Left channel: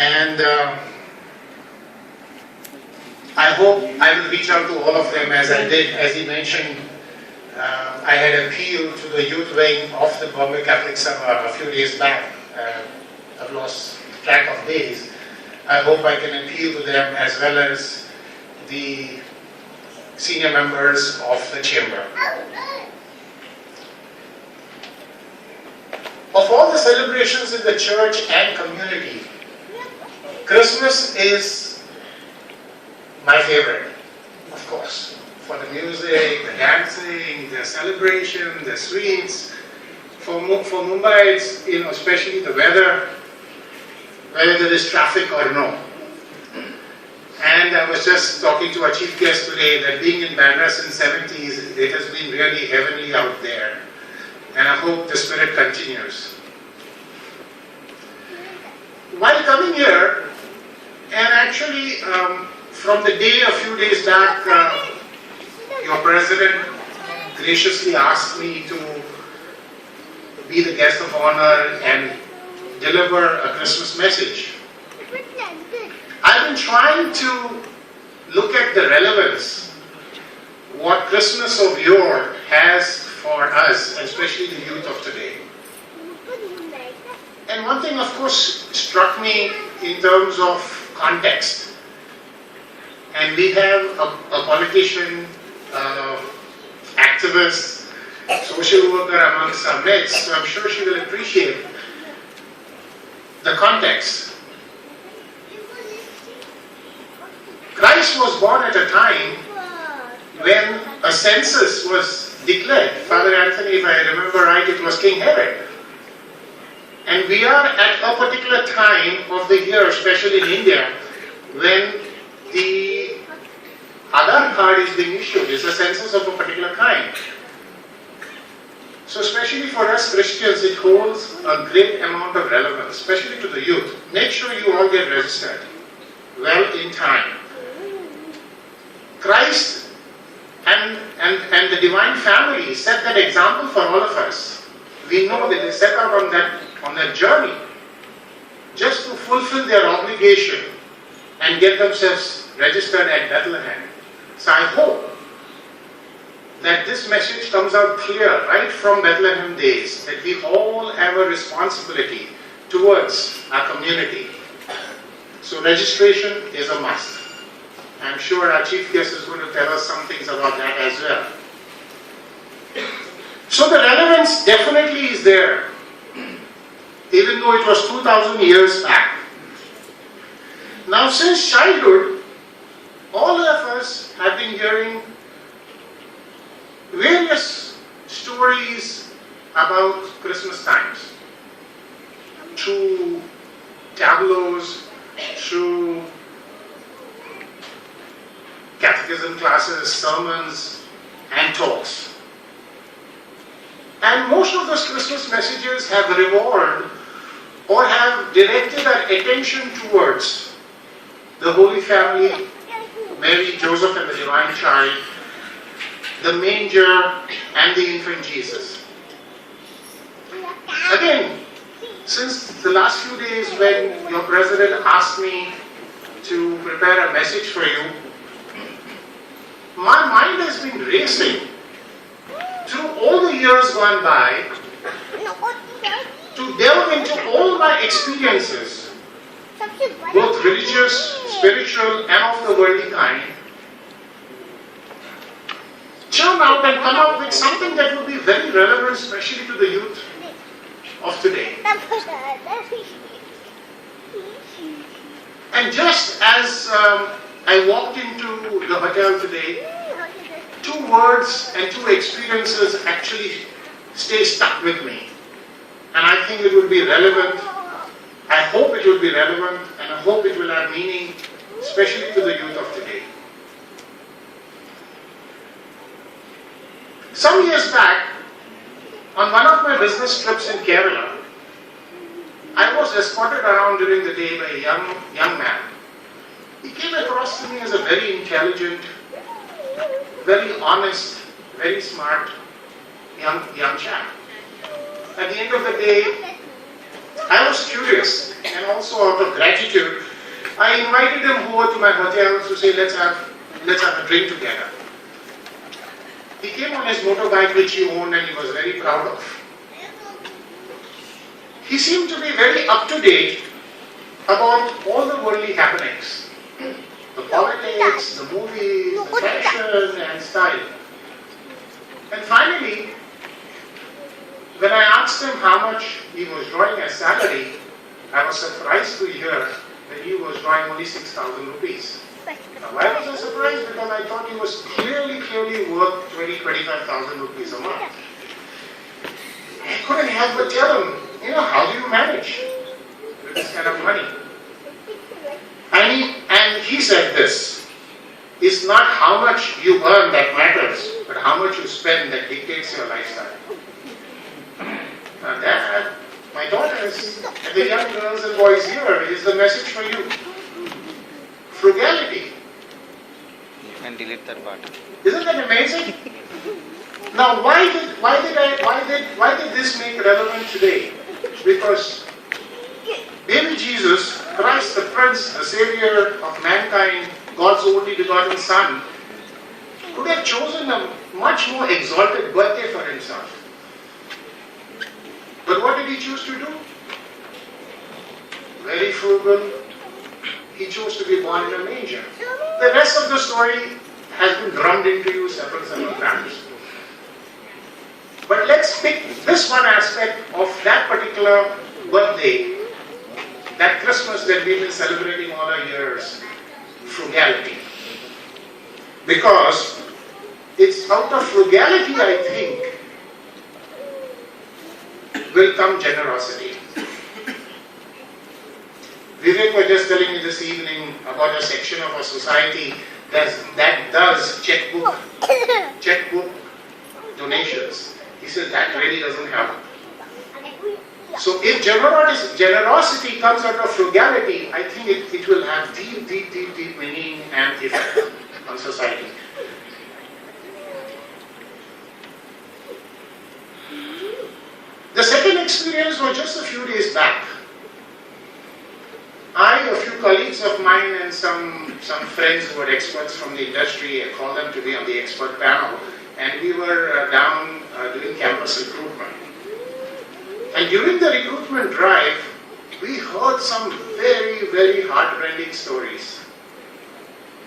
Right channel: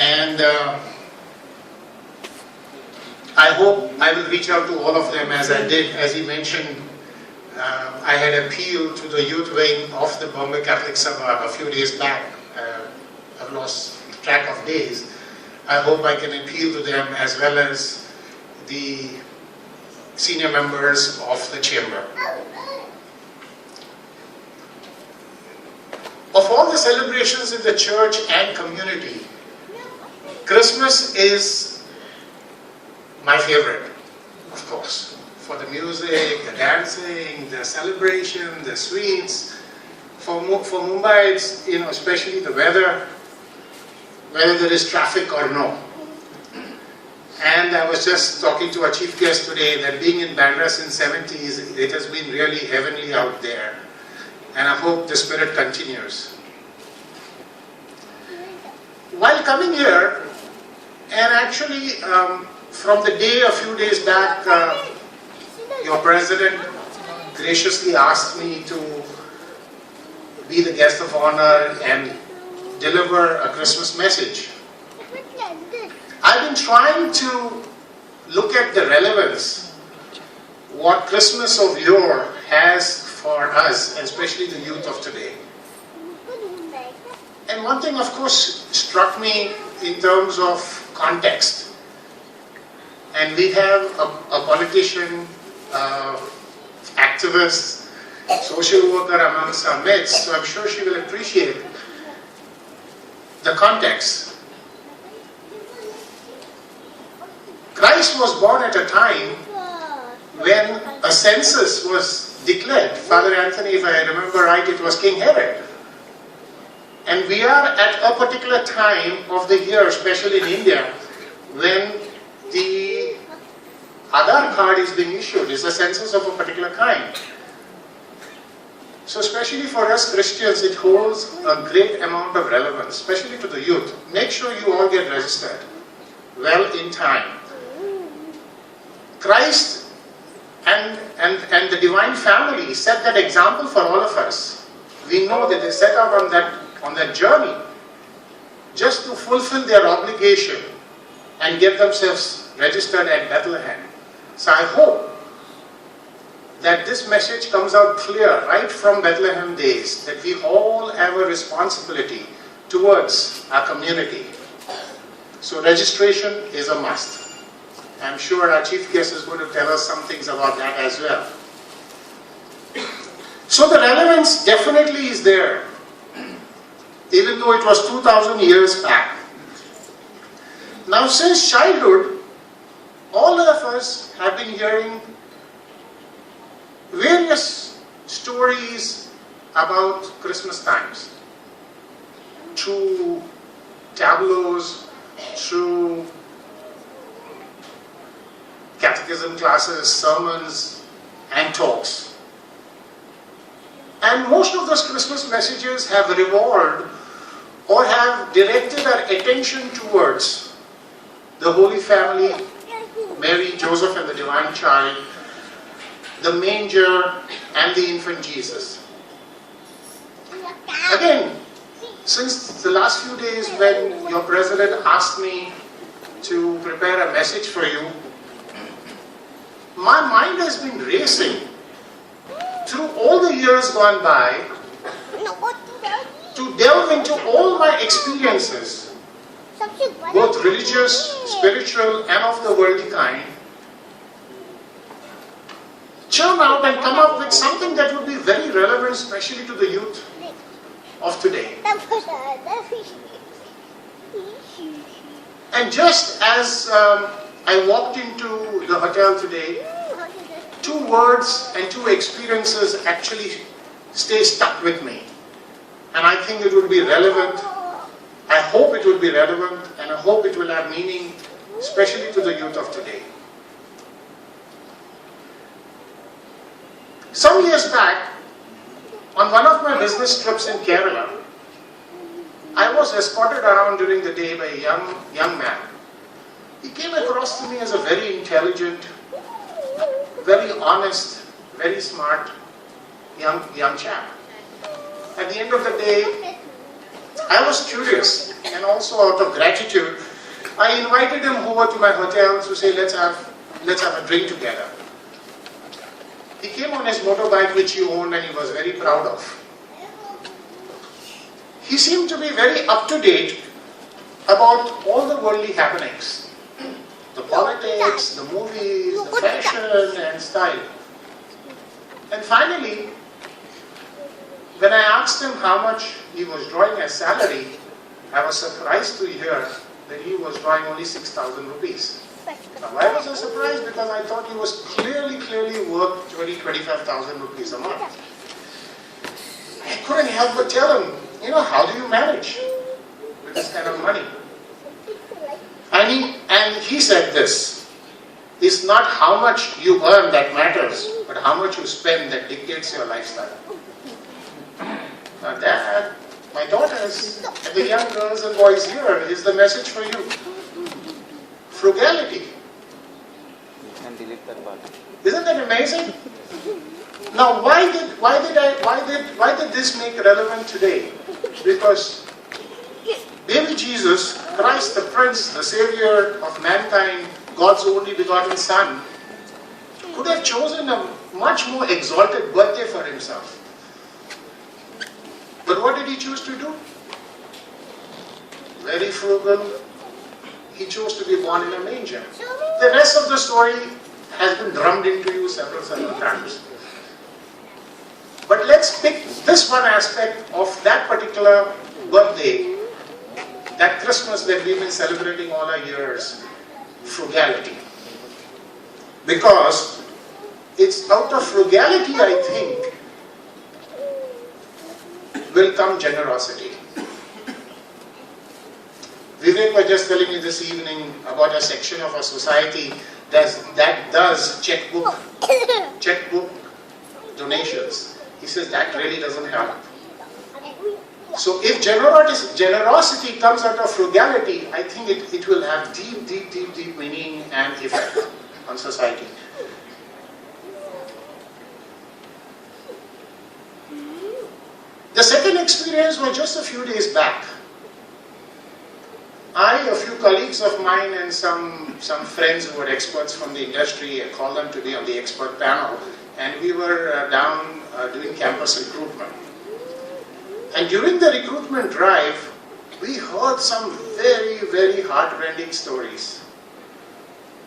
And I hope I will reach out to all of them as I did. As he mentioned, I had appealed to the youth wing of the Bombay Catholic Sabha a few days back. I've lost track of days. I hope I can appeal to them as well as the senior members of the chamber. Of all the celebrations in the church and community, Christmas is my favorite, of course. For the music, the dancing, the celebration, the sweets. For Mumbai, it's, especially the weather, whether there is traffic or no. And I was just talking to our chief guest today that being in Bandra since 70s, it has been really heavenly out there. And I hope the spirit continues. While coming here, and actually from the day a few days back, your president graciously asked me to be the guest of honor and deliver a Christmas message. I've been trying to look at the relevance, what Christmas of yore has for us, especially the youth of today. And one thing, of course, struck me in terms of context. And we have a politician, activist, social worker amongst our midst, so I'm sure she will appreciate the context. Christ was born at a time when a census was declared. Father Anthony, if I remember right, it was King Herod. And we are at a particular time of the year, especially in India, when the Aadhaar card is being issued. It's a census of a particular kind. So especially for us Christians, it holds a great amount of relevance, especially to the youth. Make sure you all get registered well in time. Christ and the divine family set that example for all of us. We know that they set out on that journey just to fulfill their obligation and get themselves registered at Bethlehem. So I hope that this message comes out clear right from Bethlehem days, that we all have a responsibility towards our community. So registration is a must. I'm sure our chief guest is going to tell us some things about that as well. So the relevance definitely is there, even though it was 2,000 years back. Now since childhood, all of us have been hearing various stories about Christmas times. Through tableaus, through catechism classes, sermons, and talks. And most of those Christmas messages have revolved or have directed our attention towards the Holy Family, Mary, Joseph, and the Divine Child, the manger, and the infant Jesus. Again, since the last few days when your president asked me to prepare a message for you, my mind has been racing through all the years gone by to delve into all my experiences, both religious, spiritual, and of the worldly kind, churn out and come up with something that would be very relevant, especially to the youth of today. And just as I walked into the hotel today, two words and two experiences actually stay stuck with me. And I think it would be relevant. I hope it will be relevant, and I hope it will have meaning, especially to the youth of today. Some years back, on one of my business trips in Kerala, I was escorted around during the day by a young man. He came across to me as a very intelligent, very honest, very smart young chap. At the end of the day, I was curious, and also out of gratitude, I invited him over to my hotel to say, let's have a drink together. He came on his motorbike which he owned and he was very proud of. He seemed to be very up to date about all the worldly happenings. The politics, the movies, the fashion and style. And finally, when I asked him how much he was drawing as salary, I was surprised to hear that he was drawing only 6,000 rupees. Now, why was I surprised? Because I thought he was clearly worth 25,000 rupees a month. I couldn't help but tell him, how do you manage with this kind of money? And he said this, it's not how much you earn that matters, but how much you spend that dictates your lifestyle. Now that, my daughters and the young girls and boys here, is the message for you. Frugality. You can delete that part. Isn't that amazing? Now why did this make relevant today? Because baby Jesus, Christ the Prince, the Savior of mankind, God's only begotten Son, could have chosen a much more exalted birthday for himself. But what did he choose to do? Very frugal. He chose to be born in a manger. The rest of the story has been drummed into you several times. But let's pick this one aspect of that particular birthday, that Christmas that we've been celebrating all our years, frugality. Because it's out of frugality, I think, will come generosity. Vivek was just telling me this evening about a section of our society that does checkbook donations. He says that really doesn't help. So if generosity comes out of frugality, I think it will have deep meaning and effect on society. The second experience was just a few days back. A few colleagues of mine and some friends who were experts from the industry, I called them to be on the expert panel, and we were down doing campus recruitment. And during the recruitment drive, we heard some very heartrending stories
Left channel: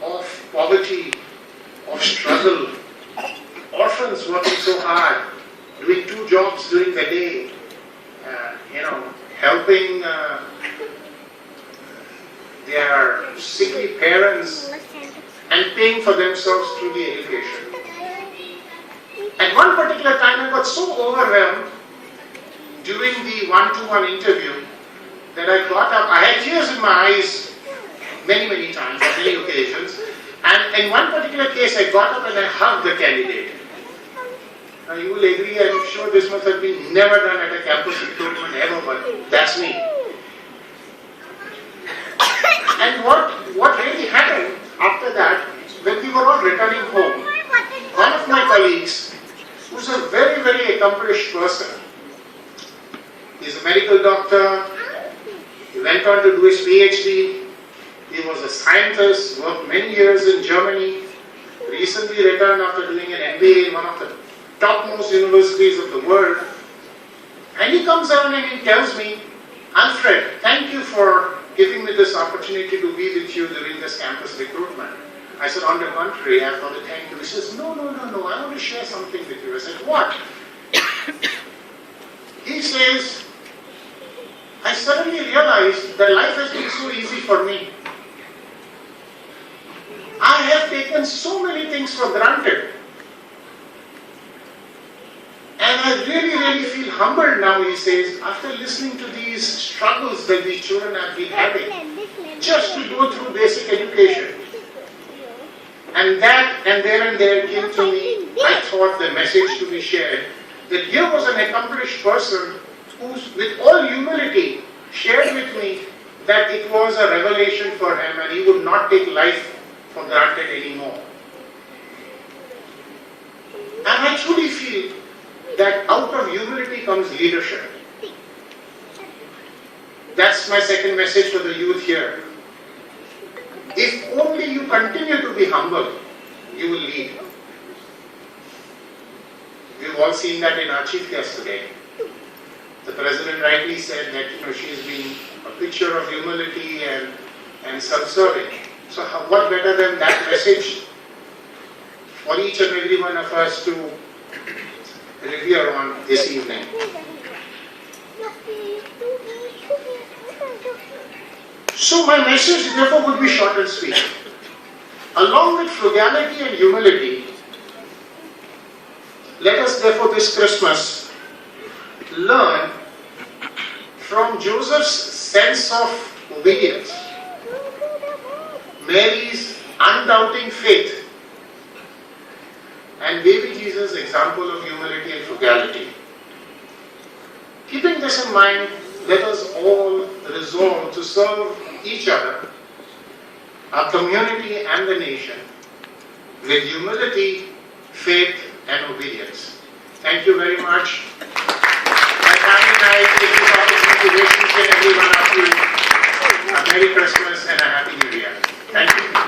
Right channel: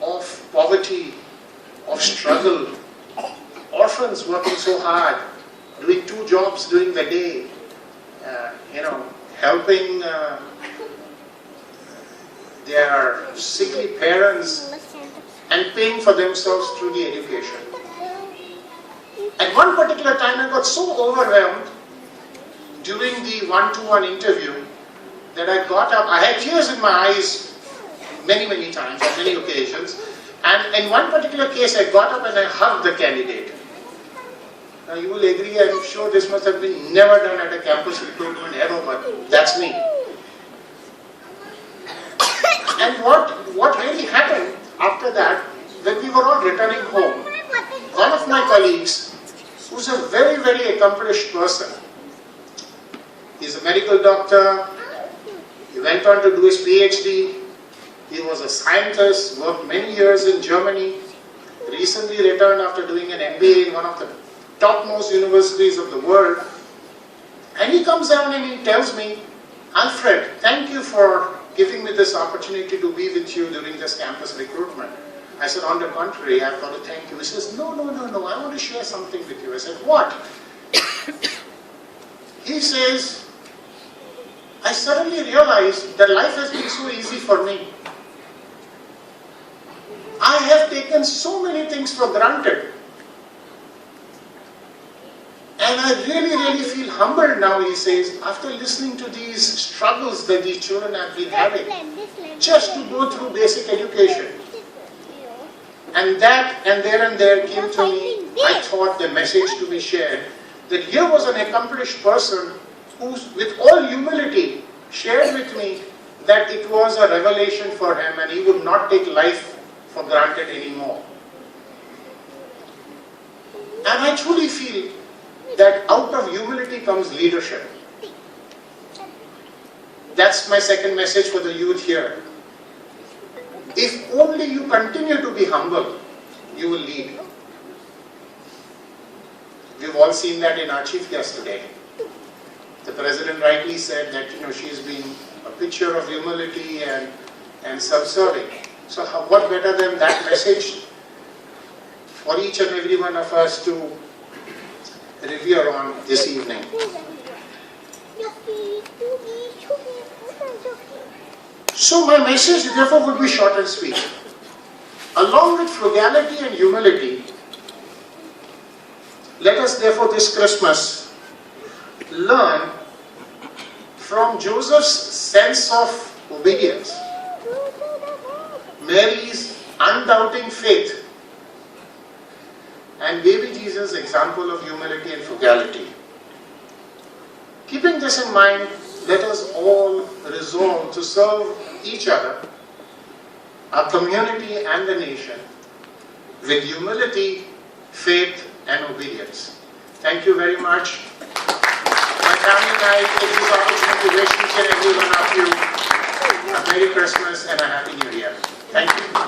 of poverty, of struggle, orphans working so hard, doing 2 jobs during the day, helping their sickly parents and paying for themselves through the education. At one particular time, I got so overwhelmed during the one-to-one interview that I got up. I had tears in my eyes many times, on many occasions. And in one particular case, I got up and I hugged the candidate. Now you will agree, I'm sure this must have been never done at a campus recruitment ever, but that's me. And what really happened after that, when we were all returning home, one of my colleagues, who's a very accomplished person, he's a medical doctor, he went on to do his PhD, he was a scientist, worked many years in Germany, recently returned after doing an MBA in one of the topmost universities of the world, and he comes down and he tells me, Alfred, thank you for giving me this opportunity to be with you during this campus recruitment. I said, on the contrary, I've got to thank you. He says, no, I want to share something with you. I said, what? He says, I suddenly realized that life has been so easy for me. I have taken so many things for granted. And I really feel humbled now, he says, after listening to these struggles that these children have been having, just to go through basic education. And that, and there came to me, I thought, the message to be shared, that here was an accomplished person who, with all humility, shared with me that it was a revelation for him and he would not take life for granted anymore. And I truly feel that out of humility comes leadership. That's my second message for the youth here. If only you continue to be humble, you will lead. We've all seen that in our chief guest today. The President rightly said that she has been a picture of humility and self-serving. So what better than that message for each and every one of us to revere on this evening. So my message therefore would be short and sweet. Along with frugality and humility, let us therefore this Christmas learn from Joseph's sense of obedience, Mary's undoubting faith, and baby Jesus' example of humility and frugality. Keeping this in mind, let us all resolve to serve each other, our community and the nation with humility, faith and obedience. Thank you very much. My family and I take this opportunity to wish each and every one of you a Merry Christmas and a Happy New Year. Thank you.